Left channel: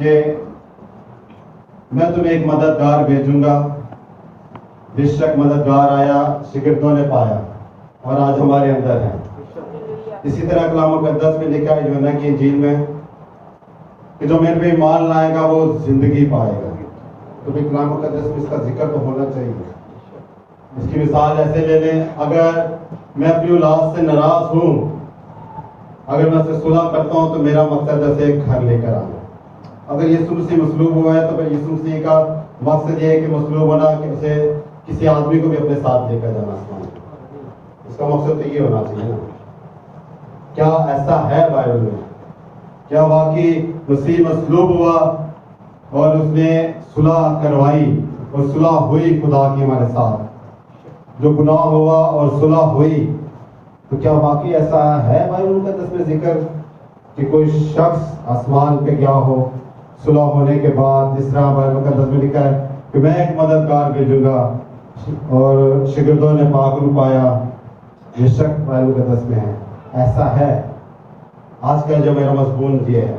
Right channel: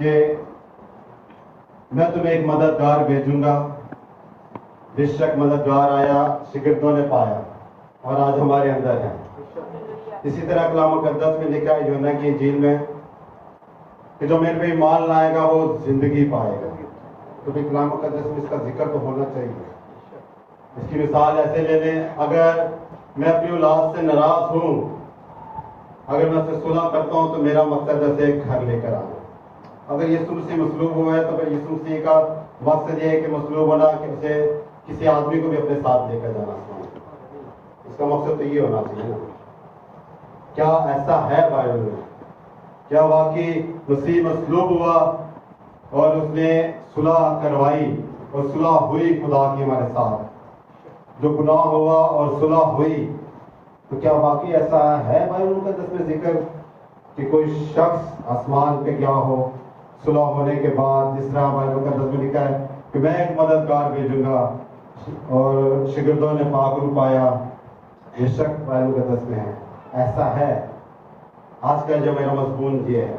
کہ میں تمہیں ایک مددگار بھیجوں گا. بے شک مددگار آیا، شاگردوں نے پایا اور آج ہمارے اندر ہے. اسی طرح کلام مقدس میں لکھا ہے یوحنا کی انجیل میں کہ جو میرے پہ ایمان لائے گا وہ زندگی پائے گا. تو بھی کلام مقدس میں اس کا ذکر تو ہونا چاہیے. اس کی مثال ایسے لے لیں، اگر میں اپنی اولاد سے ناراض ہوں، اگر میں اسے صلح کرتا ہوں تو میرا مقصد ہے اسے گھر لے کر آنا. اگر یسوع مسیح مصلوب ہوا ہے تو پھر یسوع مسیح کا مقصد یہ ہے کہ مصلوب ہونا کہ اسے کسی آدمی کو بھی اپنے ساتھ لے کر جانا. اس کا مقصد تو یہ ہونا چاہیے نا. کیا ایسا ہے بائبل میں؟ کیا واقعی مسیح مصلوب ہوا اور اس نے صلح کروائی اور صلح ہوئی خدا کی ہمارے ساتھ؟ جو گناہ ہوا اور صلح ہوئی، تو کیا واقعی ایسا ہے بائبل مقدس میں ذکر کہ کوئی شخص آسمان پہ گیا ہو صلح ہونے کے بعد؟ جس طرح بائبل مقدس میں لکھا ہے کہ میں ایک مددگار بھیجوں گا اور شاگردوں نے پاک روح پایا. یہ شک بائبل مقدس میں ہے. ایسا ہے. آج کا جو میرا مضمون یہ ہے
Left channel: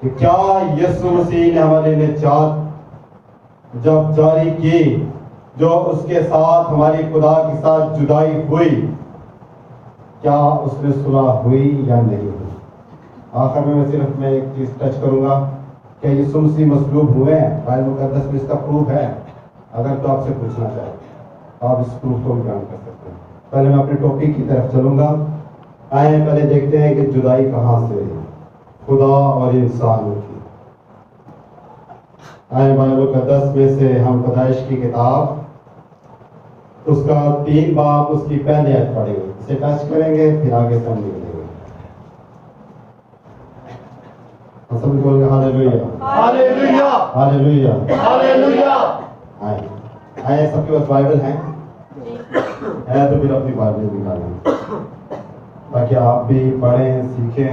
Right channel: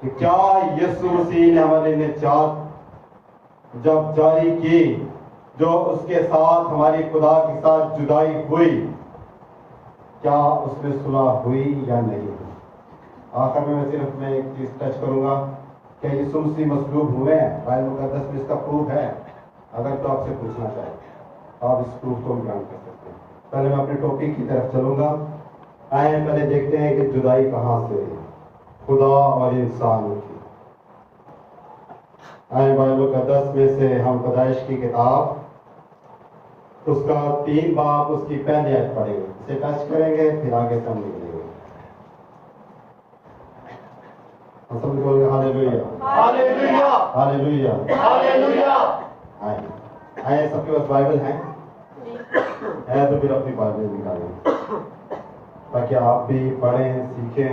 کہ کیا یسوع مسیح نے ہمارے نجات جب جاری کی، جو اس کے ساتھ ہماری خدا کے ساتھ جدائی ہوئی، کیا اس میں صلح ہوئی یا نہیں ہوئی؟ آخر میں صرف ایک چیز ٹچ کروں گا کہ یسوع مسیح مصلوب ہوئے ہیں. بائبل مقدس میں اس کا پروف ہے. اگر تو آپ سے پوچھنا چاہیں تو آپ اس پروف کو بیان کر سکتے ہیں. پہلے میں اپنے ٹاپک کی طرف چلوں گا. آئیں پہلے دیکھتے ہیں کہ جدائی کہاں سے ہوئی، خدا اور انسان کی. آئیں بائبل مقدس میں سے ہم پیدائش کی کتاب اس کا 3 باب اس کی پہلی آیت پڑھیں گے. اسے ٹچ کریں گے پھر آگے سے ہم نکلیں گے. سب بول گے ہاللیلویا ہاللیلویا ہاللیلویا ہاللیلویا. آئیں سب کے پاس بائبل ہے تو پھر اپنی بائبل نکالیں تاکہ آپ بھی پڑھیں سیکھیں،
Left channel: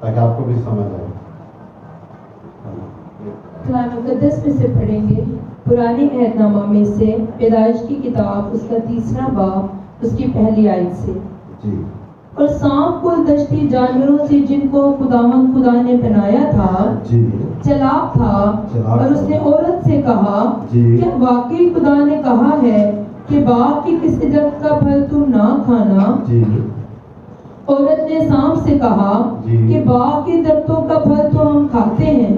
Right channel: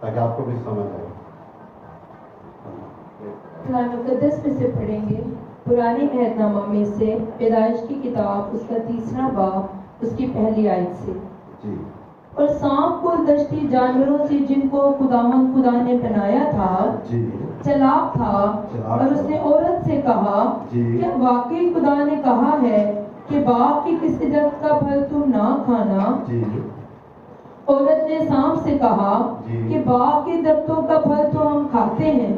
تاکہ آپ کو بھی سمجھ آئے. قرآن مقدس میں سے پڑھیں گے پرانے عہد نامہ میں سے پیدائش کی کتاب اس کا 3 باب اس کی پہلی آیت سے. جی. اور سانپ کو دشتی جانوروں سے جن کو خداوند خدا نے بنایا تھا جی چلاک تھا، اور اس نے عورت سے کہا کہ واقعی خدا نے کہا ہے کہ باغ کی کسی درخت کا پھل تم نہ کھانا. جی. عورت نے سانپ سے کہا کہ باغ کے درختوں کا پھل تو ہم کھاتے ہیں،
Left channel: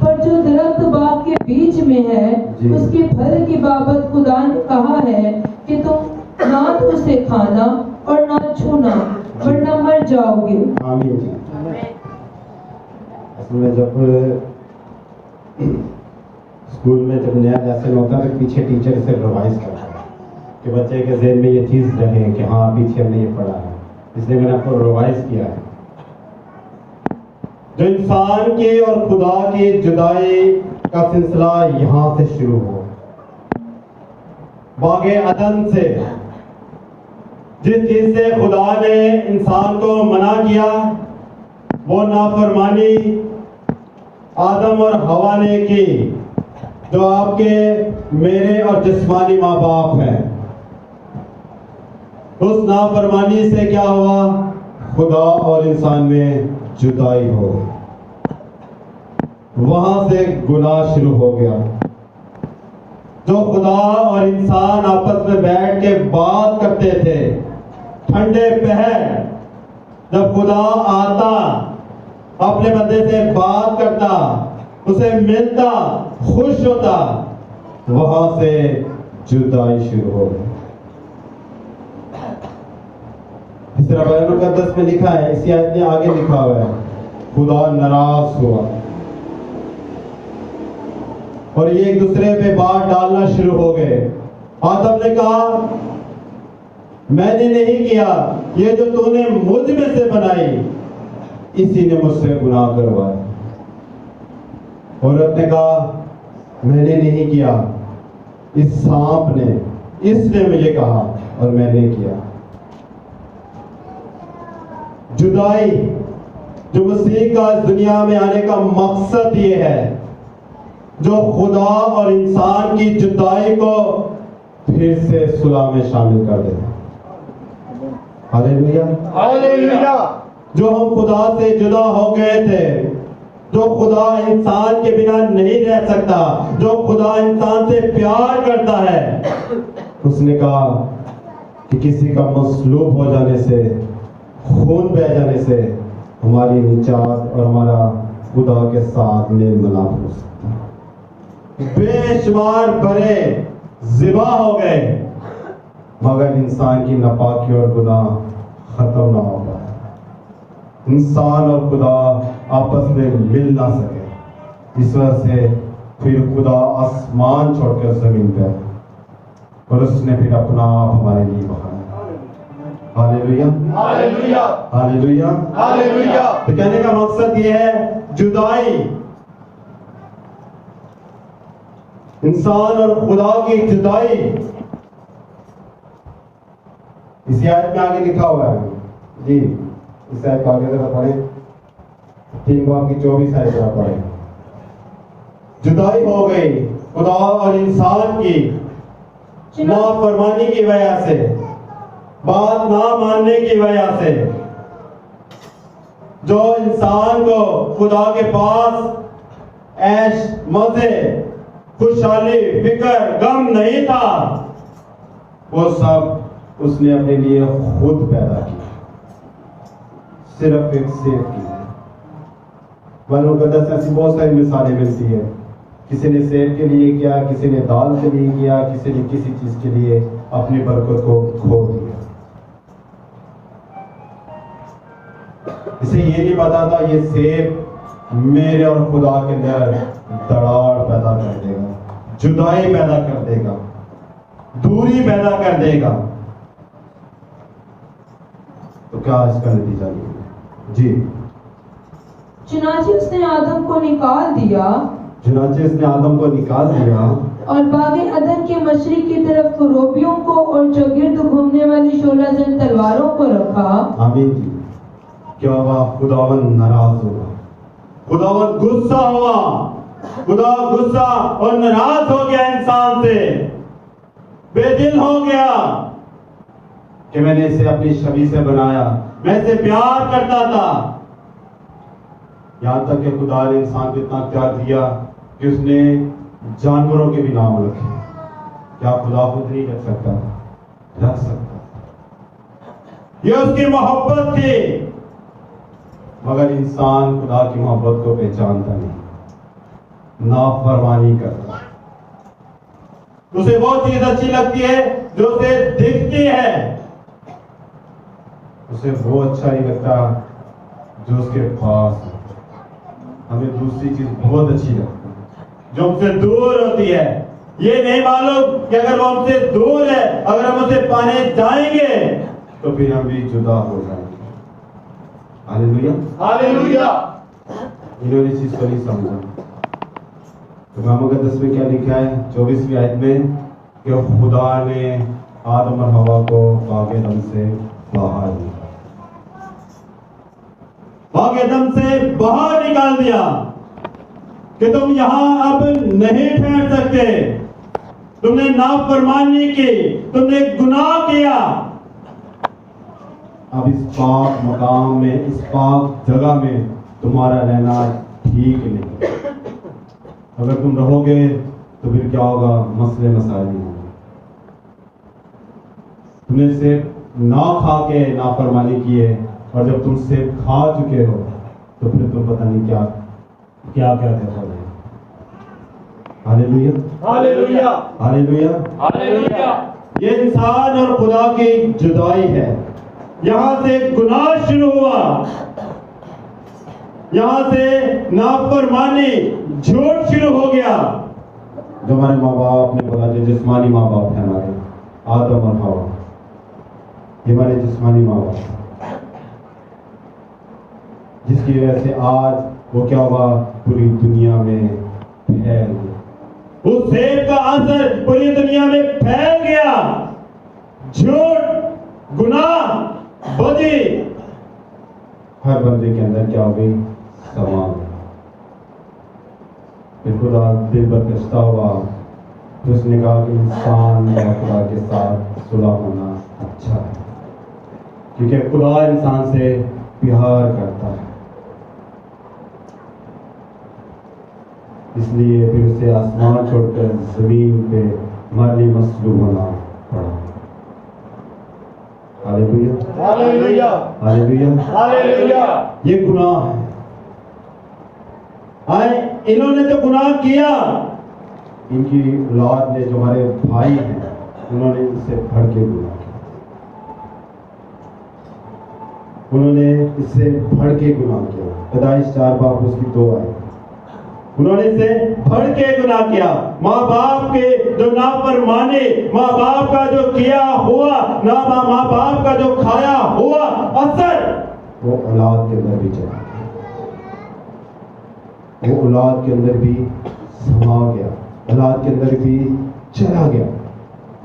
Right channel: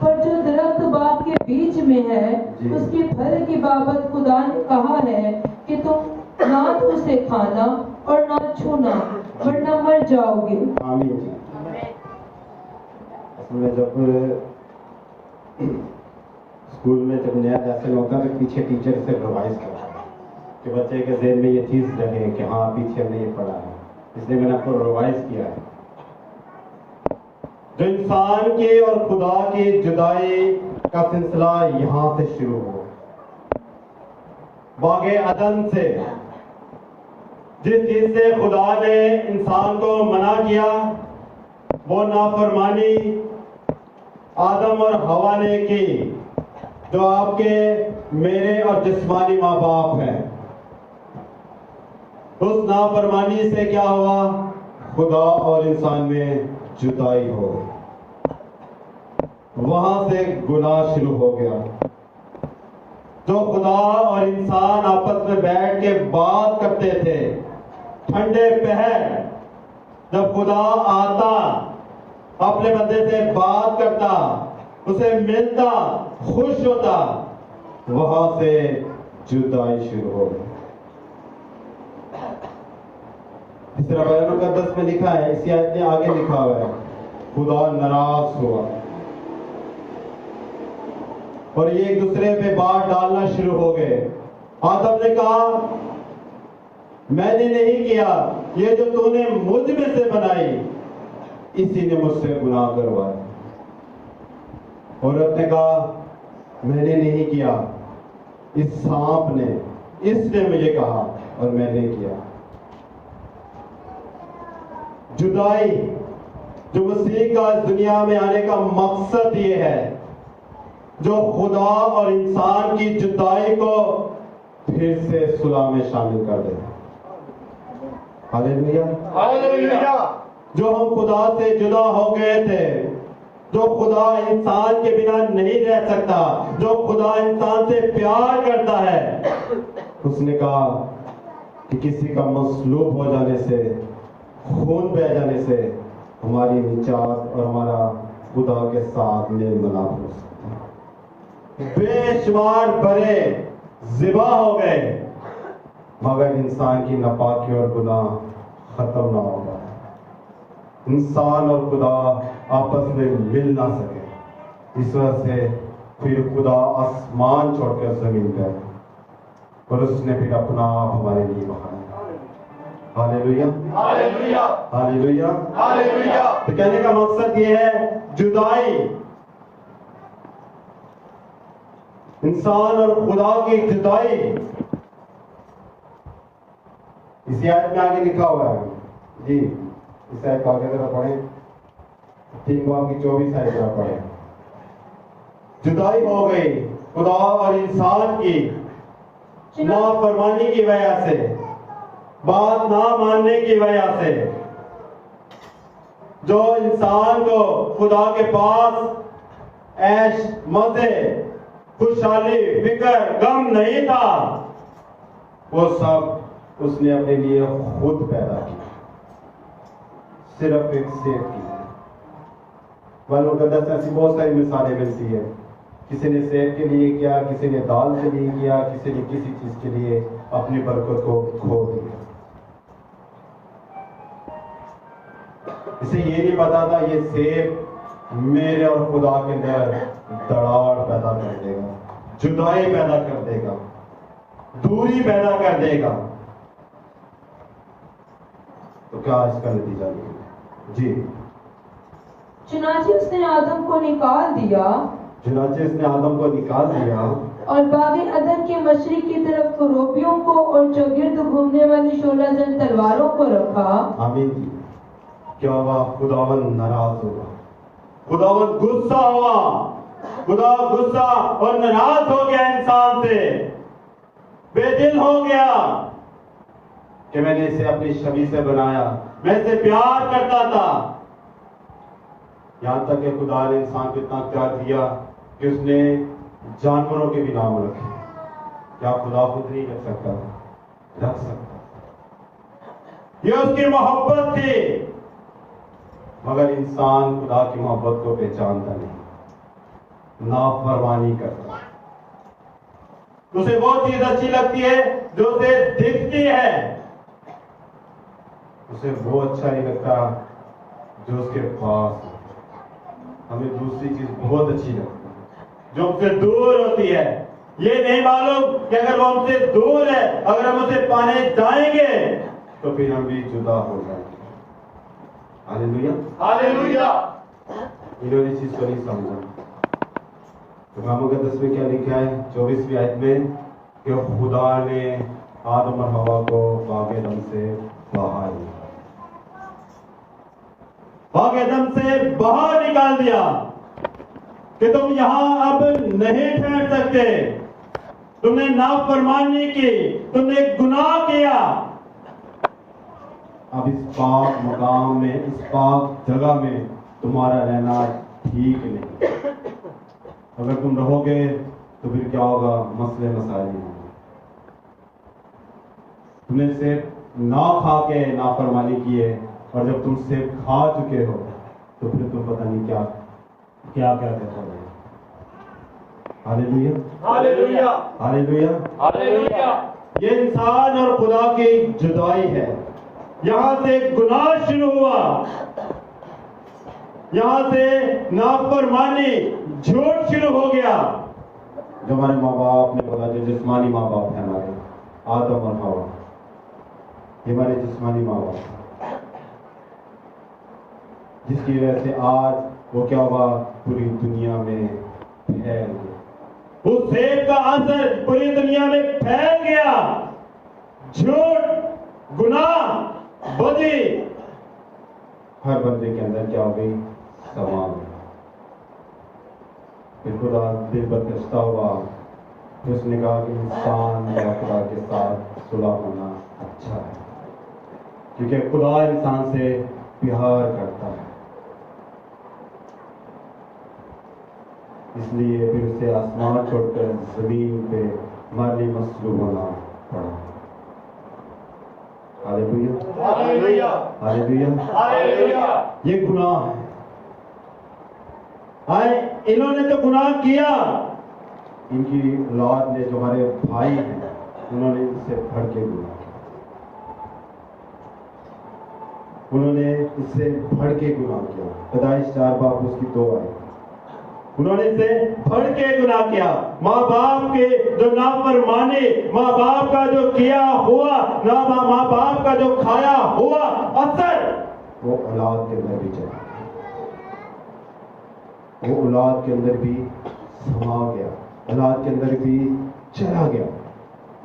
پر جو درخت باغ کے بیچ میں ہے اس کے پھل کی بابت خدا نے کہا ہے کہ تم نہ تو اسے کھانا اور نہ چھونا ورنہ مر جاؤ گے. آمین. اصل میں جب اسکول میں جب نیا لیسن ہوتا ہے تو پیچھے ٹیچر اسے ریوائز کرتا ہے کہ بچے کے ذہن میں یہ چیز رہے کہ ہاں پیچھے ہم نے یہ پڑھا ہے، اس لیے میں نے آپ کو ریوائز کیا ہے. جو انسان کی اور خدا کی جدائی کا سلسلہ یہاں سے شروع ہو، باغ عدن سے. جس چیز سے خدا نے انسان کو منع کیا وہ نافرمانی آدم اور حوا نے کی، جو آپ کے میرے اور جسمانی ماں باپ ہیں. اس نافرمانی سے کیا ہوا؟ خدا اور انسان میں جدائی ہو. وہاں سے گناہ شروع ہو گیا. جو خدا اور انسان آپس میں بیٹھ کے بات کرتے تھے ٹھنڈے پہر، جب خدا آتا اپنے بندے سے بات کرتا، اسے ملتا، خوش ہوتا، وہاں سے جدائی شروع ہو گئی. اس طرح بائبل مقدس میں لکھا ہے، اسی آیت میں آگے لکھا ہوا ہے خدا ناراض ہوا اور یہ ایک دوسرے پہ بات ڈالنا شروع ہو گئے. آدم نے کہا میں نے نہیں کیا، یہ جو تو نے مجھ میں سے بنائی اسی نے مجھ سے گناہ کروایا. عورت نے کہا میں نے نہیں کیا، اس سانپ نے، اس نے مجھے کہا اور میں نے کیا. جدائی جو مسیح کا اس دنیا میں آنے کا مقصد یہ ہے، جو خدا اور انسان کی جدائی کو پھر سے صلح میں شامل کر دے. ہاللیلویا ہاللیلویا. جو ہم خدا سے جدا ہو گئے تھے جو خدا انسان کے بنا نہیں رہ سکتا، جو خدا انسان سے پیار کرتا ہے، اس نے کہا کہ کسی کا مصلوب ہو جانے سے، خون بہ جانے سے ہماری نجات اور ہمارا خدا کے ساتھ میل ملاپ ہو سکتا ہے۔ بے شمار بڑے ذبح ہو گئے مگر انسان کی ناپاکی اور گناہ ختم نہ ہو گیا، انسان اور خدا آپس میں مل نہ سکے۔ اس وجہ سے پھر خدا آسمان چھوڑ کر زمین پہ اور اس نے پھر اپنا آپ ہمارے لیے بہایا۔ ہاللیلویا، ہاللیلویا، ہاللیلویا، ہاللیلویا۔ تو کہنے کا مقصد یہ ہے جدائی، انسان اور خدا کی جدائی۔ اس آیت میں آگے لکھا ہوا ہے، جی اس آیت کو آگے ذرا پڑھیں، 3 باب کی 24 آیت ذرا پڑھیں۔ جدائی ہو گئی خدا اور انسان کی نافرمانی کی وجہ سے، بات نہ ماننے کی وجہ سے۔ جو انسان کو خدا کے پاس عیش مزے، خوشحالی، فکر، غم نہیں تھا، وہ سب اس نے اپنے لیے خود پیدا کیا، صرف ایک سیب کی۔ بائبل مقدس میں ایسی بہت ساری مثالیں ملتی ہیں، کسی نے سیب کے لیے کیا، کسی نے دال کے لیے کیا، کسی نے کسی چیز کے لیے اپنی برکت کو کھو دیا۔ اسے یہ نہیں پتا تھا یہ سیب میرے اور خدا کے اندر دراڑ پیدا کر دے گا، جدائی پیدا کر دے گا، دوری پیدا کر دے گا۔ تو کیا اس کا نتیجہ نہیں؟ جی چنانچہ اس نے آدم کو نکال دیا، چنانچہ اس نے آدم کو نکال دیا اور باغ عدن کے مشرق کی طرف کروبیوں کو اور چوگرد گھومنے والی 16 زن تلواروں کو رکھا۔ آمین جی۔ کیا ہوا؟ خداوند ناراض ہوا، خداوند غصہ ہوا، خدا غصہ اور ناراض ہو گیا انسان سے، بے دل ہو گیا کہ میں نے اسے اپنی شبیہ سے بنایا، میں اسے پیار کرتا تھا۔ یہاں تک کہ خدا نے انسان کو اتنا پیار دیا کہ اس نے جانوروں کے بھی نام رکھے۔ کیا خدا خود نہیں رکھ سکتا؟ رکھ سکتا۔ یہ اس کی محبت تھی، مگر انسان خدا کی محبت کو پہچانتا نہیں، نافرمانی کرتا۔ اسے وہ چیز اچھی لگتی ہے جو اسے دکھتی ہے، اسے وہ اچھا نہیں لگتا جو اس کے پاس ہے۔ ہمیں دوسری چیز بہت اچھی لگتی ہے جو ہم سے دور ہوتی ہے۔ یہ نہیں معلوم کہ اگر وہ ہم سے دور ہے، اگر ہم اسے پانے جائیں گے تو پھر ہم بھی جدا ہو جائیں گے۔ ہاللیلویا، ہاللیلویا۔ انہوں نے اس چیز کو نہیں سمجھا۔ کلام مقدس میں کیا لکھا ہے 24ویں آیت میں کہ خدا نے آدم اور حوا کو باغ عدن سے باہر نکالا، باغ عدن سے باہر نکال دیا کہ تم یہاں اب نہیں ٹھہر سکتے، تم نے نافرمانی کی، تم نے گناہ کیا، اب اس پاک مقام میں، اس پاک جگہ میں تمہارا رہنا ٹھیک نہیں۔ اگر تم رہو گے تو پھر کیا ہوگا؟ مسئلے مسائل ہوں گے۔ تم نے صرف نہ کھا کے نافرمانی کی ہے، اور جب تم صرف کھا چکے ہو تو پھر تم پتہ نہیں کیا کیا کرتے ہو۔ ہاللیلویا، ہاللیلویا، ہاللیلویا، ہاللیلویا۔ یہ انسان اور خدا کی جدائی ہے۔ یہاں سے گناہ شروع ہوا، یہاں سے نافرمانی، جھوٹ شروع ہو گیا۔ جو ہمارے ماں باپ نے بولا، جو جسمانی ماں باپ ہیں ہمارے، آدم اور حوا، یہ ہمارے جسمانی ماں باپ ہیں، جس کی وجہ سے آج وہ کیا ہوا؟ پوری دنیا میں پھیل گیا۔ اس سیب کا اثر پوری دنیا میں پھیل گیا۔ جھوٹ، گناہ، بدی ہر بندے کے اندر کیا ہو گئی؟ سما گئی۔ پھر خدا دل برکشتہ ہوا تو اس نے کہا کہ انسان اور خدا کے ساتھ صلح ہونا اچھا ہے، کیونکہ خدا انسان سے پیار کرتا ہے۔ اس لیے پھر اسے آسمان چھوڑ کر زمین پہ مالی مصلوب ہونا پڑا. ہاللیلویا ہاللیلویا ہاللیلویا. ہاللیلویا. یہ گناہ ہے. آئے انہوں نے تو گناہ کیا. ان کی اولاد نے جو ہمارے بھائی ہیں انہوں نے اس سے بڑھ کے گناہ کیا. انہوں نے اس سے بڑھ کے گناہ کیا. پیدائش 4 باب اس کی 2 آئے. انہوں نے اس سے بڑھ کے گناہ کیا. ماں باپ کے جو نافرمانی، ماں باپ کا جو کیا ہوا، ماں باپ کا جو کھایا ہوا اثر وہ اولاد کے اندر بھی چلا گیا. وہ اولاد کے اندر بھی سما گیا، اولاد کے اندر بھی چلا گیا،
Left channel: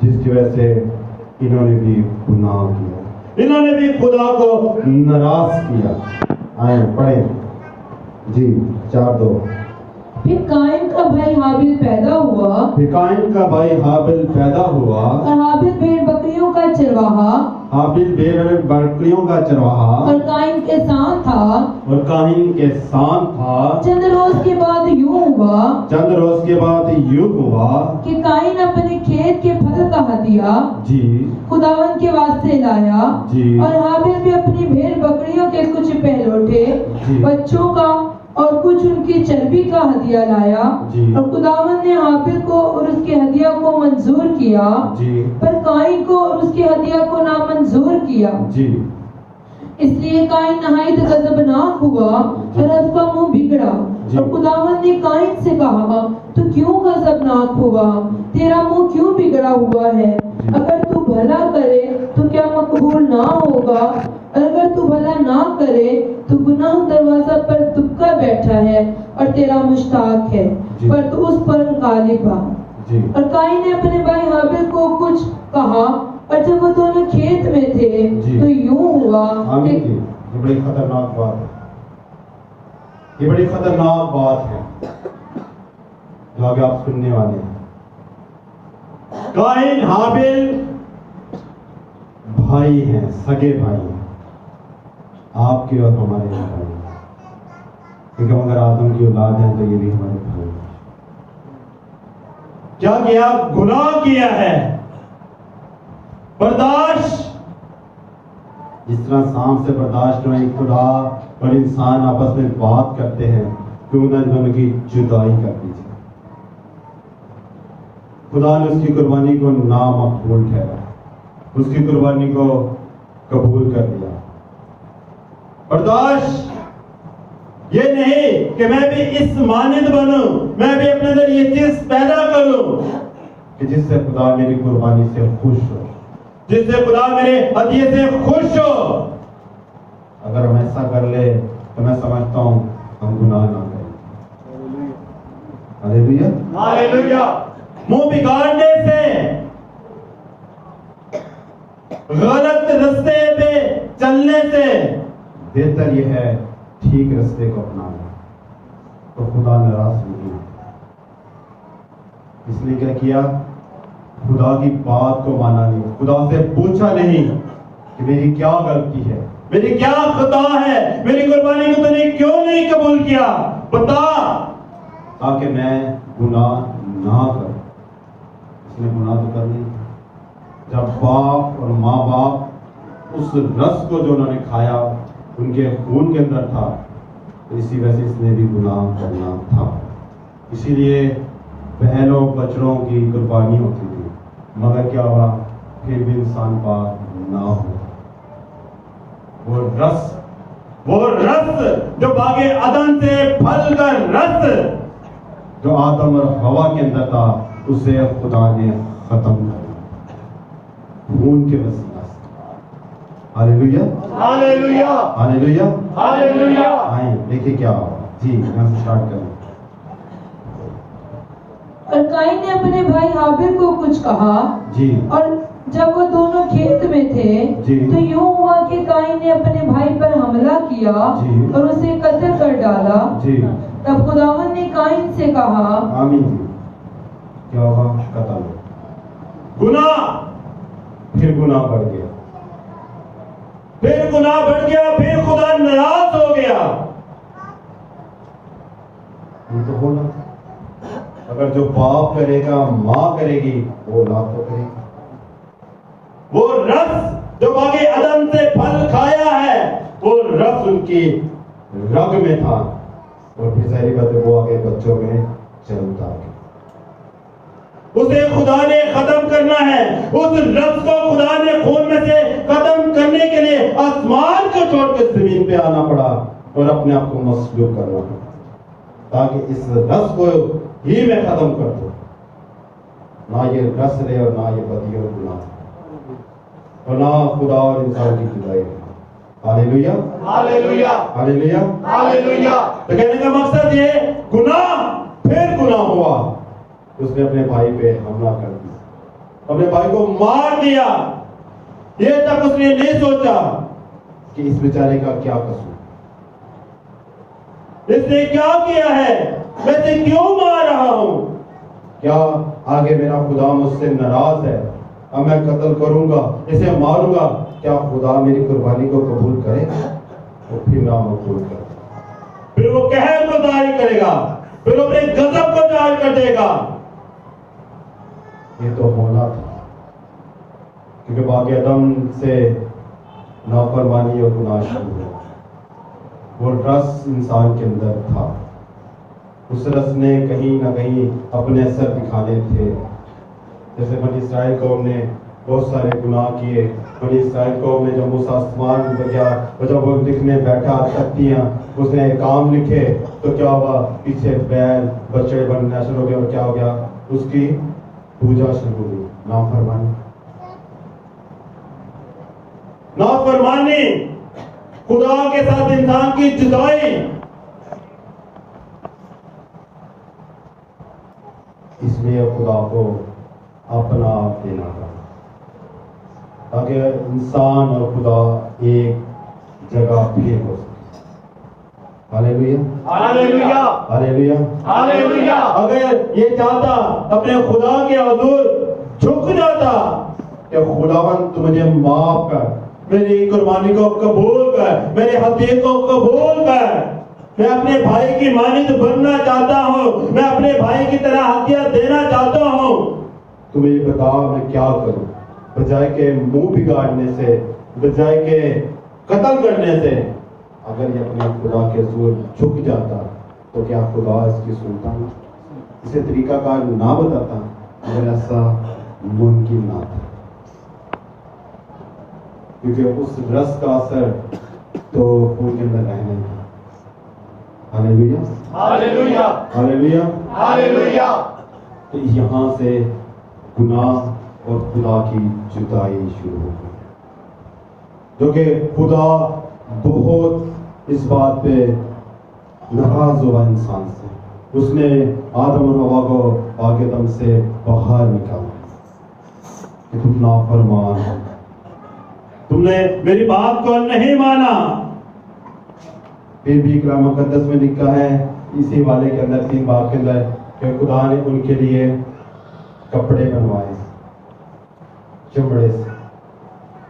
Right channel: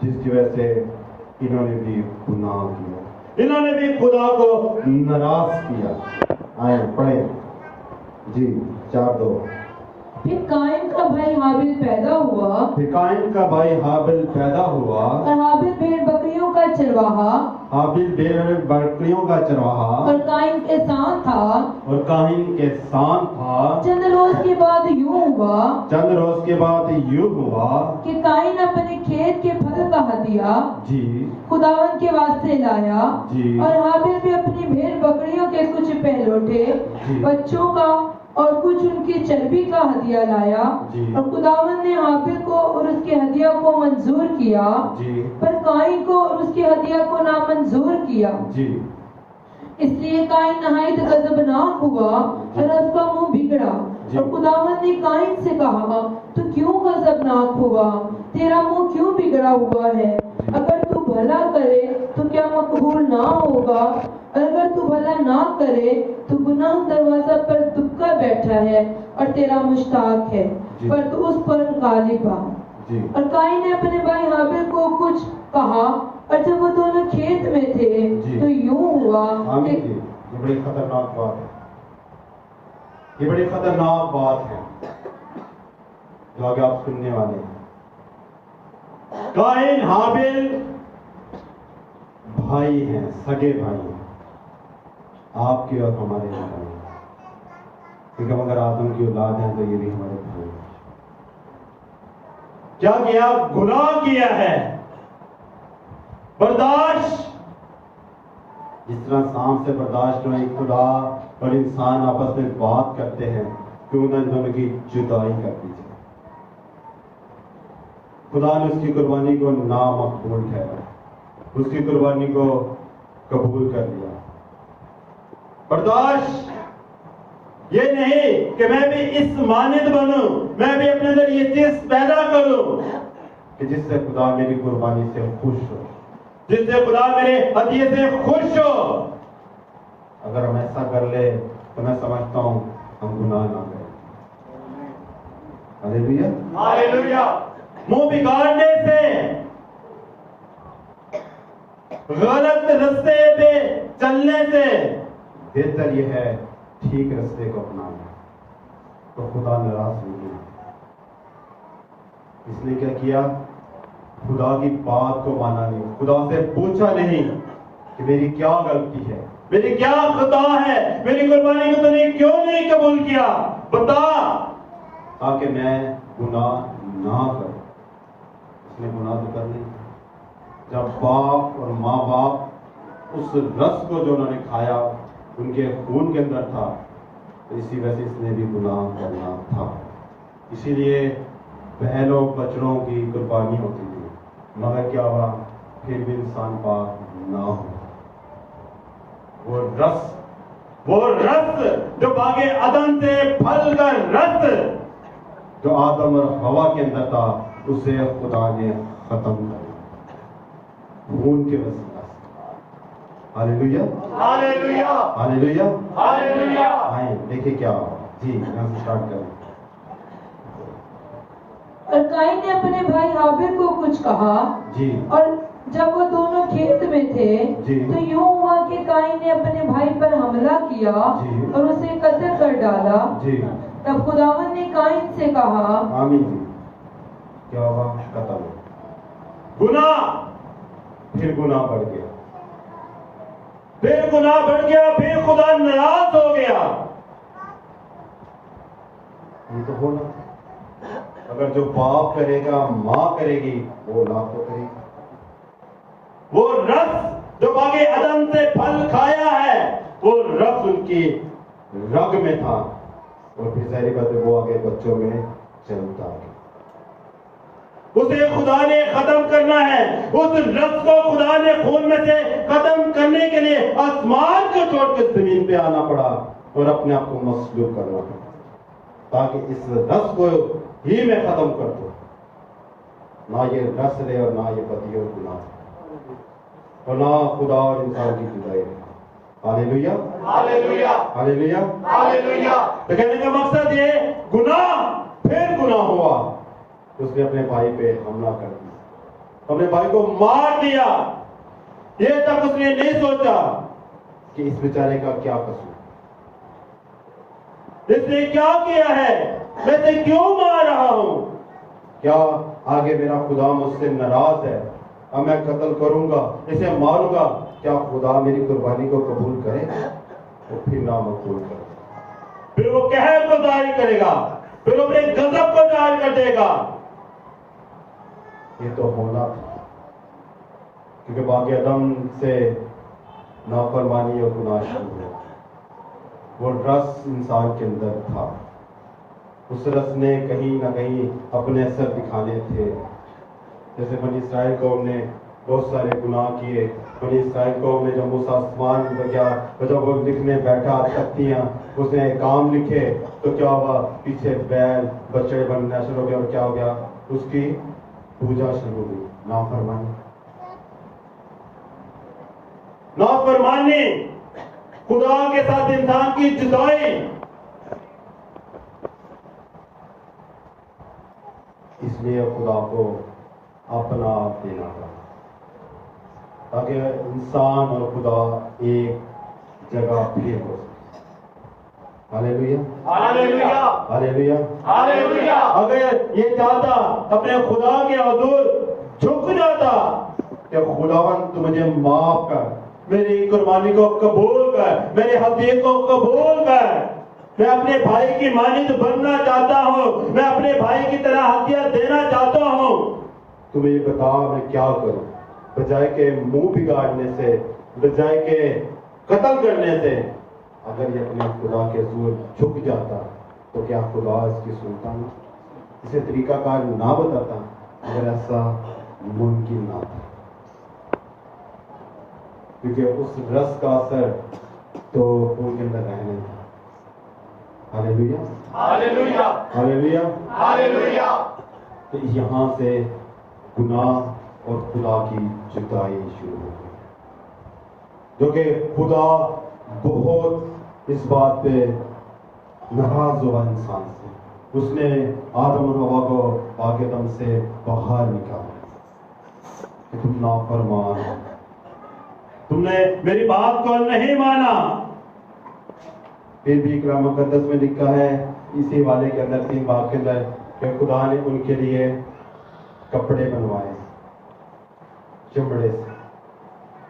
جس کی وجہ سے انہوں نے بھی گناہ کیا. انہوں نے بھی خدا کو ناراض کیا. آئیں پڑھیں جی 4:2. پھر قائن کا بھائی حابل پیدا ہوا. پھر قائن کا بھائی حابل پیدا ہوا. اور حابل بھیڑ بکریوں کا چرواہا. حابل بھیڑ بکریوں کا چرواہا. اور قائن کے ساتھ تھا. اور قائن کے ساتھ تھا. چند روز کے بعد یوں ہوا. چند روز کے بعد یوں ہوا کہ قائن اپنے کھیت کے پھل کا ہدیہ جی خداوند کے واسطے لایا. جی. اور حابل بھی اپنی بھیڑ بکریوں کے کچھ پہلوٹے جی. بچوں کا اور کچھ ان کی چربی کا ہدیہ لایا. جی. اور خداوند نے حابل کو اور اس کے ہدیہ کو منظور کیا. جی. پر قائن کو اور اس کے ہدیہ کو نامنظور کیا. جی. اس لیے قائن نہایت غضبناک ہوا اور اس کا منہ بگڑا. جی. اور خداوند نے قائن سے کہا تو کیوں غضبناک ہوا؟ تیرا منہ کیوں بگڑا ہوا ہے؟ اگر تو بھلا کرے تو کیا مقبول نہ ہوگا؟ اور اگر تو بھلا نہ کرے تو گناہ دروازہ پر دبکا بیٹھا ہے اور تیرا مشتاق ہے، جی. پر تو اس پر غالب آ. جی. اور قائن نے اپنے بھائی حابل کو کچھ کہا. اور جب وہ دونوں کھیت میں تھے جی. تو یوں ہوا آمین جی. یہ بڑی خطرناک بات ہے. یہ بڑی خطرناک بات ہے جو آگے آپ سننے والے ہیں. قائن حابل بھائی ہیں، سگے بھائی ہیں، آپ کے اور ہمارے بھائی ہیں. کیونکہ اگر آدم کی اولاد ہیں تو یہ بھی ہمارے بھائی ہیں. کیا کیا؟ گناہ کیا ہے. برداشت جس طرح سانپ سے برداشت نہیں، خدا اور انسان آپس میں بات کرتے ہیں کیوں نہ ان دونوں کی جدائی کر دی جائے. خدا نے اس کی قربانی کو نامقبول ٹھہرایا، اس کی قربانی کو قبول کر دیا. برداشت یہ نہیں کہ میں بھی اس مانند بنوں، میں بھی اپنے اندر یہ چیز پیدا کروں کہ جس سے خدا میری قربانی سے خوش ہو، جس سے خدا میرے ہدیے سے خوش ہو. اگر ہم ایسا کر لے تو میں سمجھتا ہوں ہم گناہ نہ کریں. ہاللیلویا ہاللیلویا. منہ بگاڑنے سے، غلط رستے پہ چلنے سے بہتر یہ ہے ٹھیک رستے کو اپنانا. تو خدا ناراض نہیں. اس نے کیا کیا؟ خدا کی بات کو مانا نہیں، خدا سے پوچھا نہیں کہ میری کیا غلطی ہے، میری کیا خطا ہے، میری قربانی کو تو نے کیوں نہیں قبول کیا، بتا تاکہ میں گناہ نہ کروں. اس نے گناہ تو کر نہیں. جب باپ اور ماں باپ اس رس کو جو انہوں نے کھایا ان کے خون کے اندر تھا، تو اسی وجہ سے اس نے بھی گناہ کرنا تھا. اسی لیے بہنوں بچڑوں کی قربانی ہوتی تھی، مگر کیا ہوا؟ پھر بھی انسان پاک نہ ہو. وہ رس جو باغ عدن سے پھل کر رس جو آدم اور ہوا کے اندر تھا، اسے خدا نے ختم کر دیا خون کے وسیلہ سے. ہاللیلویا ہاللیلویا. ہاللیلویا. ہاللیلویا. آئیں دیکھیں کیا ہوا. جی یہاں سے اسٹارٹ کریں. اور قائن نے اپنے بھائی حابل کو کچھ کہا. جی. اور جب وہ دونوں کھیت میں تھے جی. تو یوں ہوا کہ قائن نے اپنے بھائی پر حملہ کیا جی. اور اسے قتل کر ڈالا. جی. تب خداوند نے قائن سے کہا. آمین جی. کیا ہوا؟ قتل. گناہ. پھر گناہ بڑھ گیا، پھر گناہ بڑھ گیا، پھر خدا ناراض ہو گیا. یہ تو بولا اگر جو باپ کرے گا ماں کرے گی وہ اولاد تو کرے گی. وہ رس جو باغ عدن سے پھل کھایا ہے وہ رس ان کی رگ میں تھا اور پھر ظاہری بات ہے وہ آگے بچوں میں چلتا ہے. اسے خدا نے ختم کرنا ہے. اس رس کو خدا نے خون میں سے ختم کرنے کے لیے آسمان کو چھوڑ کے زمین پہ آنا پڑا اور اپنے آپ کو مصلوب کرنا پڑا تاکہ اس رس کو ہی میں ختم کر دوں. نہ یہ رس رہے اور نہ یہ بدی اور گناہ اور نہ خدا اور انسان کی جدائی. ہاللیلویا ہاللیلویا ہاللیلویا ہاللیلویا. تو کہنے کا مقصد یہ گناہ پھر گناہ ہوا. اس نے اپنے بھائی پہ حملہ کر دیا, اپنے بھائی کو مار دیا. یہ تک اس نے نہیں سوچا کہ اس بیچارے کا کیا قصور, اس نے کیا کیا ہے, میں اسے کیوں مار رہا ہوں. کیا آگے میرا خدا مجھ سے ناراض ہے؟ اب میں قتل کروں گا, اسے ماروں گا, کیا خدا میری قربانی کو قبول کرے؟ وہ پھر نامقبول کرے, پھر وہ قہر کو ظاہر کرے گا, پھر وہ اپنے غضب کو ظاہر کر دے گا. یہ تو ہونا تھا کیونکہ باغ عدن سے نافرمانی اور گناہ شروع ہوا. وہ رس انسان کے اندر تھا. اس رس نے کہیں نہ کہیں اپنے اثر دکھانے تھے. جیسے بنی اسرائیل قوم نے بہت سارے گناہ کیے. بنی اسرائیل قوم نے جب موسیٰ آسمان پہ گیا اور جب وہ لکھنے بیٹھا تختیاں اس نے کام لکھے تو کیا ہوا, پیچھے بیل بچڑے بننا شروع ہو گیا اور کیا ہو گیا, اس کی پوجا شروع ہوئی. نافرمانی نافرمانی خدا کے ساتھ انسان کی جدائی. اس لیے خدا کو اپنا آپ دینا تھا تاکہ انسان اور خدا ایک جگہ پہ ہو سکے. ہاللیلویا ہاللیلویا ہاللیلویا ہاللیلویا. اگر یہ چاہتا اپنے خدا کے حضور جھک جاتا کہ خداوند تو مجھے معاف کر, میری قربانی کو قبول کر, میرے حقیق کو قبول کر, میں اپنے بھائی کی مانند بننا چاہتا ہوں, میں اپنے بھائی کی طرح ہدیہ دینا چاہتا ہوں, تو مجھے بتا میں کیا کروں. بجائے کہ منہ بگاڑنے سے, بجائے کہ قتل کرنے سے, اگر یہ اپنے خدا کے حضور جھک جاتا تو کیا خدا اس کی سنتا؟ اسے طریقہ کار نہ بتاتا اگر ایسا ممکن نہ تھا, کیونکہ اس رس کا اثر تو خون کے اندر رہنے تھا. ہاللیلویا ہاللیلویا ہاللیلویا ہاللیلویا. تو یہاں سے گناہ اور خدا کی جدائی شروع ہو گئی, جو کہ خدا بہت اس بات پہ ناراض ہوا انسان سے. اس نے آدم اور حوا کو باغ عدن سے باہر نکالا کہ تم نافرمان ہو, تم نے میری بات کو نہیں مانا. پھر بھی کلام مقدس میں لکھا ہے اسی والے کے اندر 3 باب کے اندر کہ خدا نے ان کے لیے کپڑے بنوائے چمڑے سے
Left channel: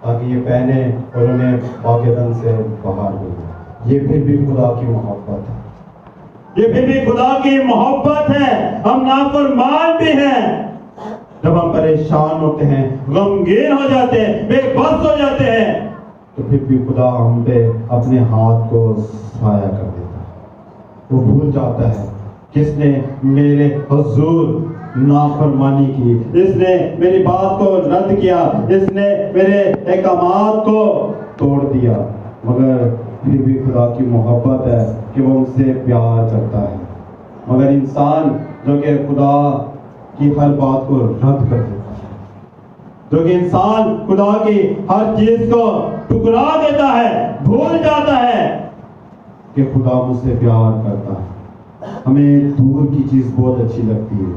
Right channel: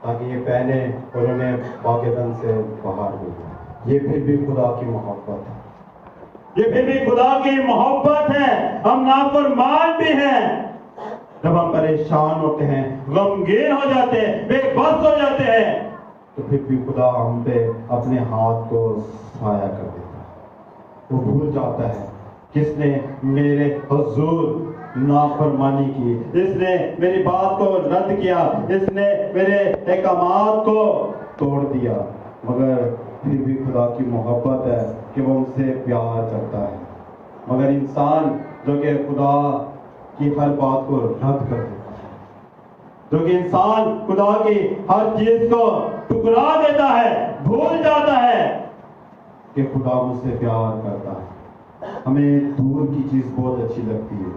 تاکہ یہ پہنے اور انہیں باغ عدن سے باہر بھیجے. یہ پھر بھی خدا کی محبت ہے, یہ پھر بھی خدا کی محبت ہے. ہم نافرمان بھی ہیں, جب ہم پریشان ہوتے ہیں, غمگین ہو جاتے ہیں, بے بس ہو جاتے ہیں, تو پھر بھی خدا ہم پہ اپنے ہاتھ کو سایہ کر دیتا ہے. وہ بھول جاتا ہے کس نے میرے حضور نافرمانی کی, اس نے میری بات کو رد کیا, اس نے میرے احکامات کو توڑ دیا. مگر پھر بھی خدا کی محبت ہے کہ وہ ہم سے پیار کرتا ہے. مگر انسان جو کہ خدا کی ہر بات کو رد کر دیتا ہے, جو کہ انسان خدا کی ہر چیز کو ٹکرا دیتا ہے, بھول جاتا ہے کہ خدا مجھ سے پیار کرتا ہے. ہمیں دور کی چیز بہت اچھی لگتی ہے,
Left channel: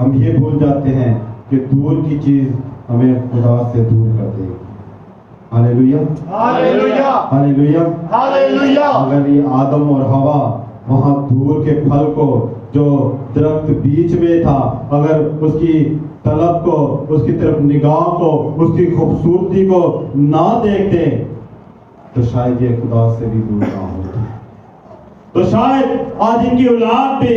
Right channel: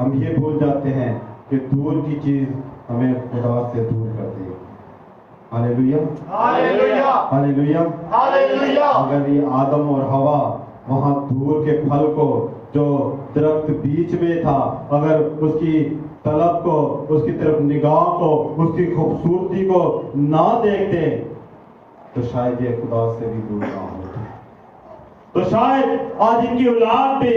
ہم یہ بھول جاتے ہیں کہ دور کی چیز ہمیں خدا سے دور کر دے گی. ہاللیلویا ہاللیلویا ہاللیلویا ہاللیلویا. اگر یہ آدم اور حوا وہاں دور کے پھل کو جو درخت بیچ میں تھا, اگر اس کی طلب کو, اس کی طرف نگاہ کو, اس کی خوبصورتی کو نہ دیکھتے تو شاید یہ خدا سے بھی دور نہ ہوتے. تو شاید آج ان کی اولاد بھی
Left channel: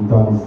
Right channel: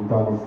39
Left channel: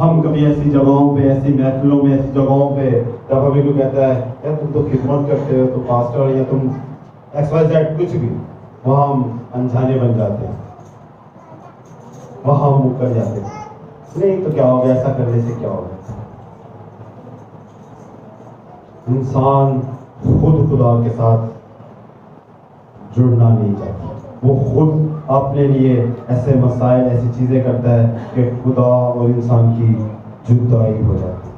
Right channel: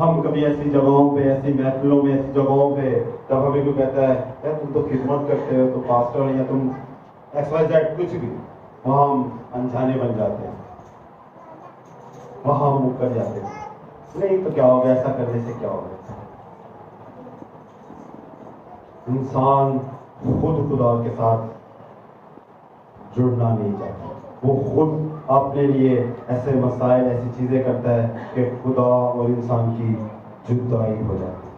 ہم کبھی ایسی جگہوں پہ، ایسی محفلوں میں، ایسی جگہوں پہ جب ہمیں کوئی کہتا ہے یار تم تو خدمت کرتے ہو، تو پاسٹر یا تم ایکس وائی زیڈ کچھ بھی، وہاں ہم انجانے بن جاتے ہیں، وہاں ہم مکر جاتے ہیں، نہیں تو کیا ہوگا، ایسا کرنے سے کیا ہوگا۔ انسان خود خدا کے ساتھ جڑنا نہیں چاہتا، وہ خود اپنے لیے ایسے مسائل، ایسی چیزیں کرتا ہے کہ خدا اور انسان کی جدائی ہو جاتی ہے،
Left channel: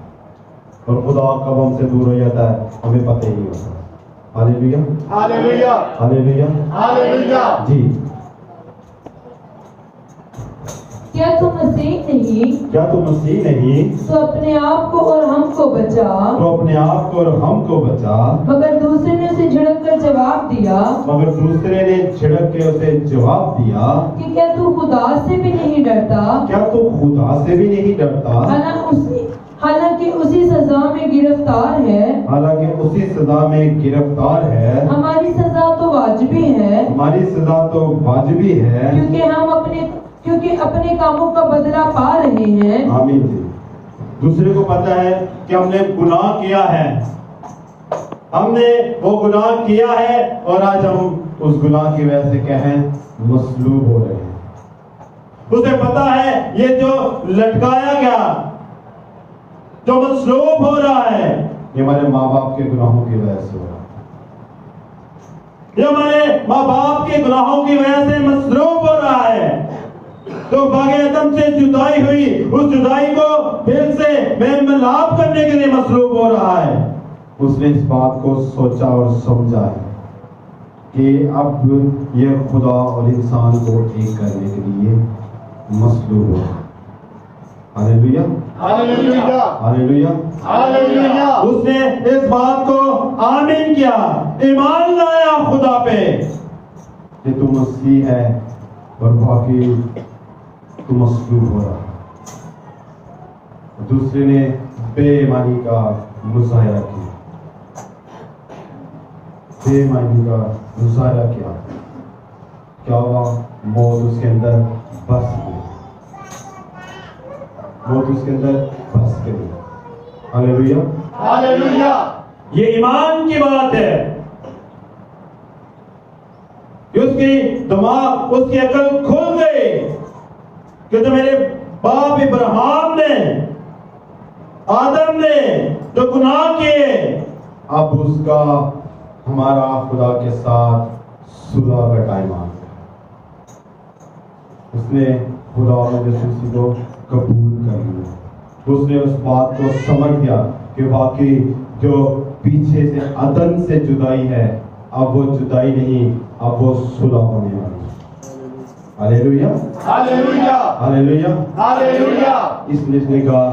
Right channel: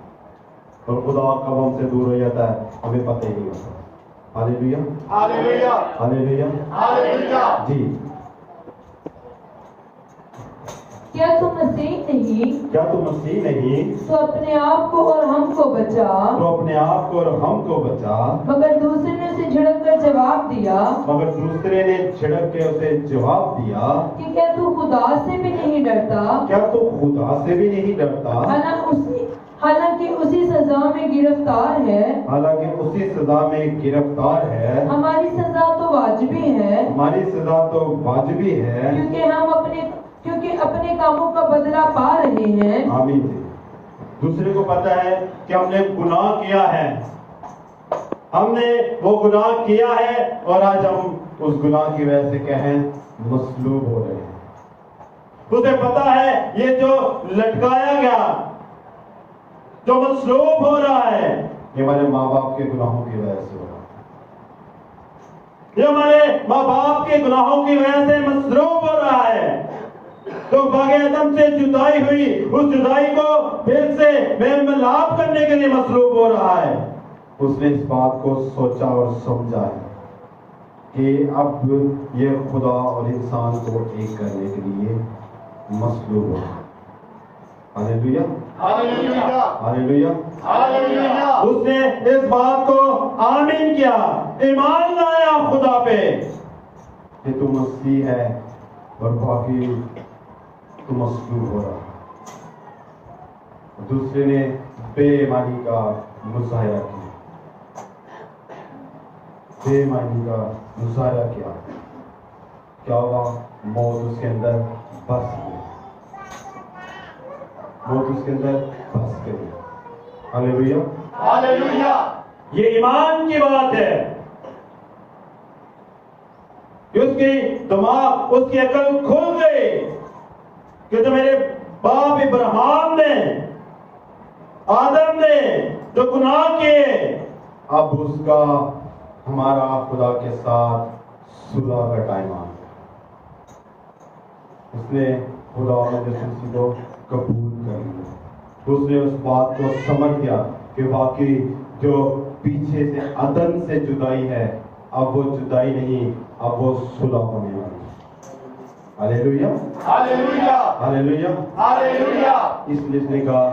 اور خدا کب ہم سے دور ہو جاتا ہے ہمیں پتہ ہی نہیں ہوتا۔ ہاللیلویا، ہاللیلویا، ہاللیلویا، ہاللیلویا۔ جی کیا تو مسیح نہیں؟ کیا تو مسیح نہیں؟ تو اپنے آپ کو اور ہم کو بچا۔ تو اپنے آپ کو اور ہم کو بچا۔ مگر دوسرے نے اسے جھڑک کر جواب دیا، مگر دوسرے نے جھڑک کے اسے جواب دیا کہ کیا تو خدا سے بھی نہیں ڈرتا؟ کیا تو خدا سے بھی نہیں ڈرتا؟ حالانکہ اسی سزا میں گرفتار ہے۔ حالانکہ اسی سزا میں گرفتار ہے۔ ہماری سزا تو واجبی ہے، ہماری سزا تو واجبی ہے، کیونکہ اپنے کاموں کا بدلہ پا رہے ہیں۔ آمین۔ دوسرے کو پتا ہے کہ ہم نے گناہ کیا ہے، ہم نے وہ گناہ کیا ہے، اور آج ہم اس گناہ کی وجہ سے کہیں مصلوب ہو رہے ہیں۔ اسے پتا ہے یہ جو لٹکایا گیا، جو مصلوب ہو رہا ہے، یہ ہمارے ماں باپ کے گناہوں کی وجہ سے ہو رہا ہے، یہ ہمارے ماں باپ کے گناہوں کی وجہ سے مصلوب ہو رہا ہے۔ تو باغ عدن سے جدائی ہوئی، اس جدائی کو پھر سے بے ملاب کرنے کے لیے مصلوب ہو رہا ہے۔ اس نے اس بات کو سوچا اور سمجھا ہے کہ اب یہ خدا اور انسان کو ایک کرنے کے لیے مصلوب ہو۔ ہاللیلویا، ہاللیلویا، ہاللیلویا، ہاللیلویا۔ اس نے اس بات کو آمین کیا، ایمان لایا خدا پہ کہ تو مسیح ہے، اور باقی تو مصلوب ہو رہا۔ دوسرے نے بے ایمانی کا مظاہرہ کیا، بے ایمانی کا مظاہرہ کیا، کیا ہوا؟ موت اس کے اندر بس گئی، موت اس کے اندر بس گئی۔ ہاللیلویا، ہاللیلویا۔ یہ ایمان کی بات ہے کہ اس کی دماغ، اس کی عقل کھل گئی کہ جو میرے باپ ابراہیم نے، آدم نے جو گناہ کیے، اب اس کا ہمارا خدا کے ساتھ صلح کا ٹائم آ گیا۔ اس نے خدا اور یسوع کو قبول کر لیا، اس نے اس بات کو سمجھ گیا کہ واقعی جو پیچھے سے عدن سے جدائی ہے، اب وہ جدائی نہیں، اب وہ صلح ہونے والی ہے۔ ہاللیلویا، ہاللیلویا، ہاللیلویا۔ ہاللیلویا۔ اس لیے اس نے کہا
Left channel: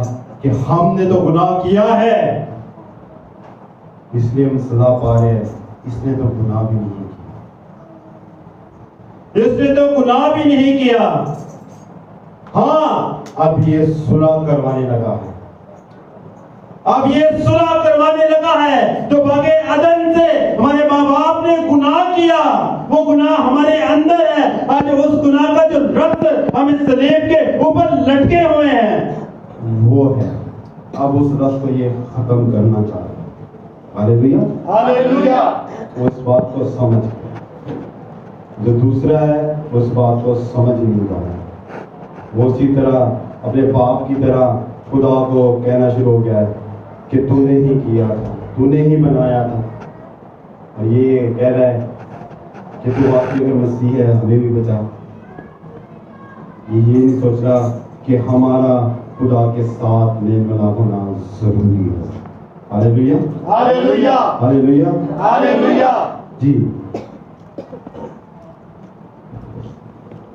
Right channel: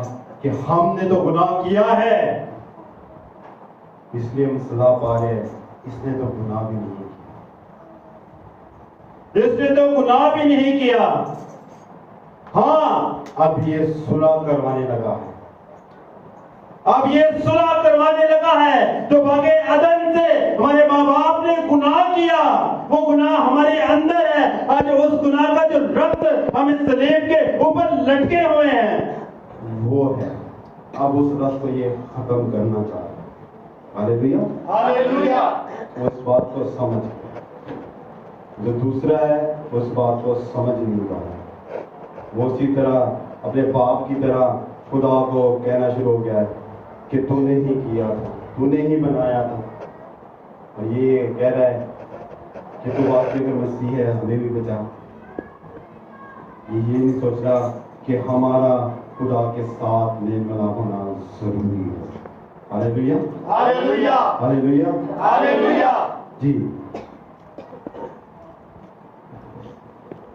کہ ہم نے تو گناہ کیا ہے، اس لیے ہم سزا پا رہے ہیں، اس نے تو گناہ بھی نہیں کیا، اس نے تو گناہ بھی نہیں کیا۔ ہاں، اب یہ صلح کروانے لگا ہے، اب یہ صلح کروانے لگا ہے۔ جو باغ عدن سے ہمارے ماں باپ نے گناہ کیا، وہ گناہ ہمارے اندر ہے، آج اس گناہ کا جو ربط ہم اس صلیب کے اوپر لٹکے ہوئے ہیں وہ ہے، اب اس ربط کو یہ ختم کرنا چاہ رہے ہیں۔ ہاللیلویا، ہاللیلویا۔ وہ اس بات کو سمجھ گئے، جو دوسرا ہے اس بات کو سمجھ نہیں پا رہا، وہ اسی طرح اپنے باپ کی طرح خدا کو کہنا شروع ہو گیا ہے کہ تو نے ہی کیا تھا، تو نے ہی بنایا تھا، اور یہ کہہ رہا ہے کہ تو واقعی اگر مسیح ہے ہمیں بھی بچا۔ یہ نہیں سوچ رہا کہ ہمارا خدا کے ساتھ میل ملاپ ہونا ضروری ہے۔ ہاللیلویا، ہاللیلویا، ہاللیلویا، ہاللیلویا۔ جی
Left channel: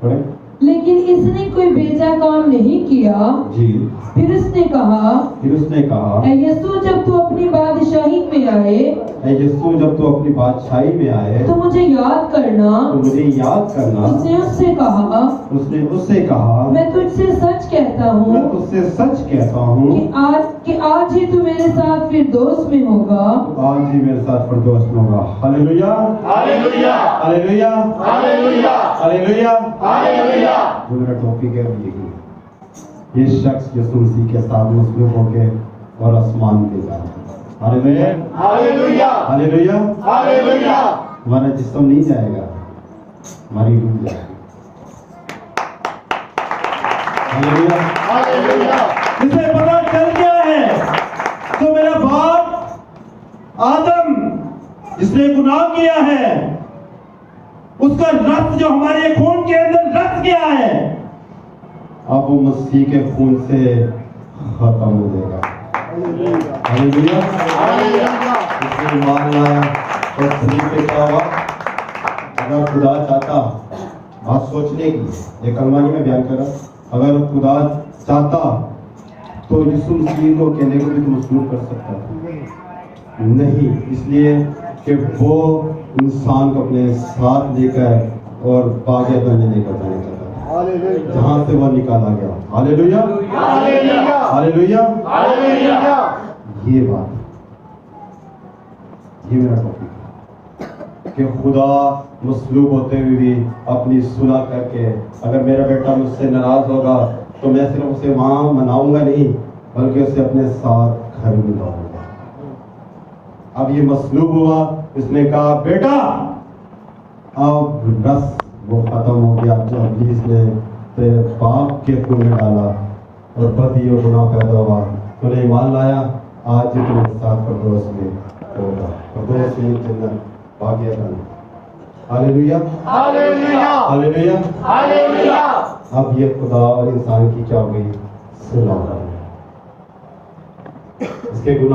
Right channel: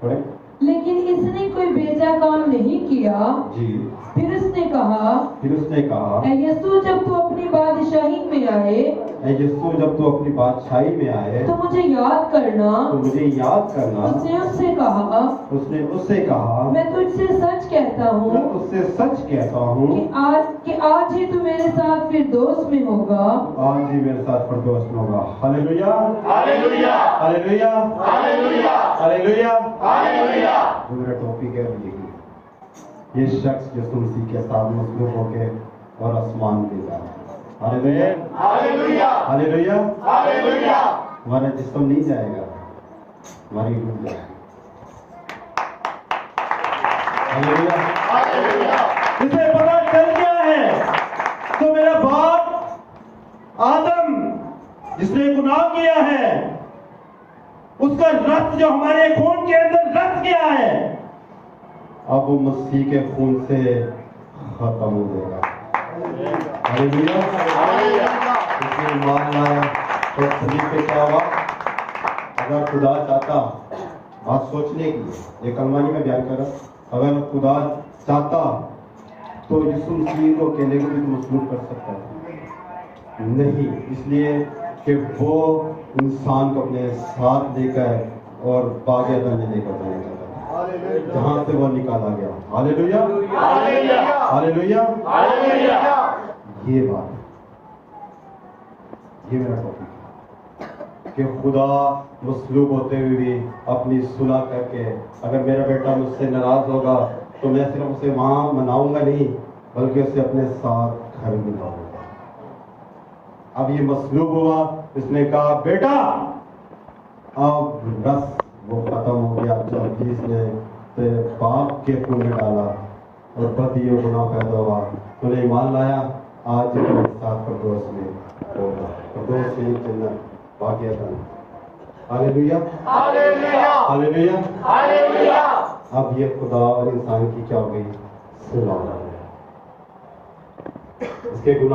پڑھیں۔ لیکن اس نے کوئی بیجا کام نہیں کیا۔ جی پھر اس نے کہا، اے یسوع جب تو اپنی بادشاہی میں آئے، اے یسوع جب تو اپنی بادشاہی میں آئے تو مجھے یاد کرنا۔ تو مجھے یاد کرنا۔ اس نے اس سے کہا، اس نے اس سے کہا، میں تجھ سے سچ کہتا ہوں میں تجھ سے سچ کہتا ہوں کہ آج ہی تو میرے ساتھ فردوس میں ہوگا۔ آج ہی میرے ساتھ فردوس میں ہوگا۔ ہاللیلویا، ہاللیلویا، ہاللیلویا، ہاللیلویا، ہاللیلویا۔ ہاللیلویا۔ میرا ٹاپک ہے یہی، یہ شخص یسوع مسیح کے ساتھ مصلوب ہو کے اور آسمان پہ جانا ہے. ہاللیلویا ہاللویا ہاللیلویا. ہاللویا. ہمارا جسم نہیں جائے گا, ہماری روح جائے گی. ہاللیلویا. ہاللویا. اسے پتا چل گیا ہے تو میرا باپ آدم جس نے گناہ کیا ہے اس کا رت جو ہمارے خون کے اندر رت گیا ہے اب وہ مسیح کے خون سے ختم ہو جائے گا. ہاللیلویا. اس نے ایمان لایا تو صلیب پہ کیا ہوا. اگر خدا چاہتا, بات سوچنے کی, یہ کلمہ نہیں میں بیان کر رہا, اگر خدا چاہتا تو یسوع مسیح کو کہنے کو بھی مصلوب کر سکتا ہے. نہیں, اس لیے کہ وہ انسان کو اپنے ساتھ لے کر اور باغ عدن میں لے کر جانا چاہتا ہے جہاں سے وہ نکالا گیا. ہاللیلویا ہاللیلویا. یہ بات, یہ میرا ٹاپک کہ خدا مصلوب ہوتے ہوئے بھی اپنی صلح کر کے, اگر میرا بیٹا مجھ سے ناراض ہوگا تو میں صرف اسے وہاں مناؤں گا نہیں بلکہ اسے اپنے ساتھ گھر میں لاؤں گا. اب یہ مصلوب ہوا, اس نے کہا بیٹا اب رس وہ ختم ہو گیا جو ابلیس نے تیرے باپ کے خون میں ڈالا اور بدی اور گناہ پیدا ہوا. تو نے ایمان لایا, آج یہ تمہارے ساتھ پردوس میں ہوگا. پردوس میں جنت باغ عدن. ہاللیلویا ہاللیلویا. ہاللویا. اب یہ خدا اور انسان کی کیا ہو گئی, صلح. اس کے گناہ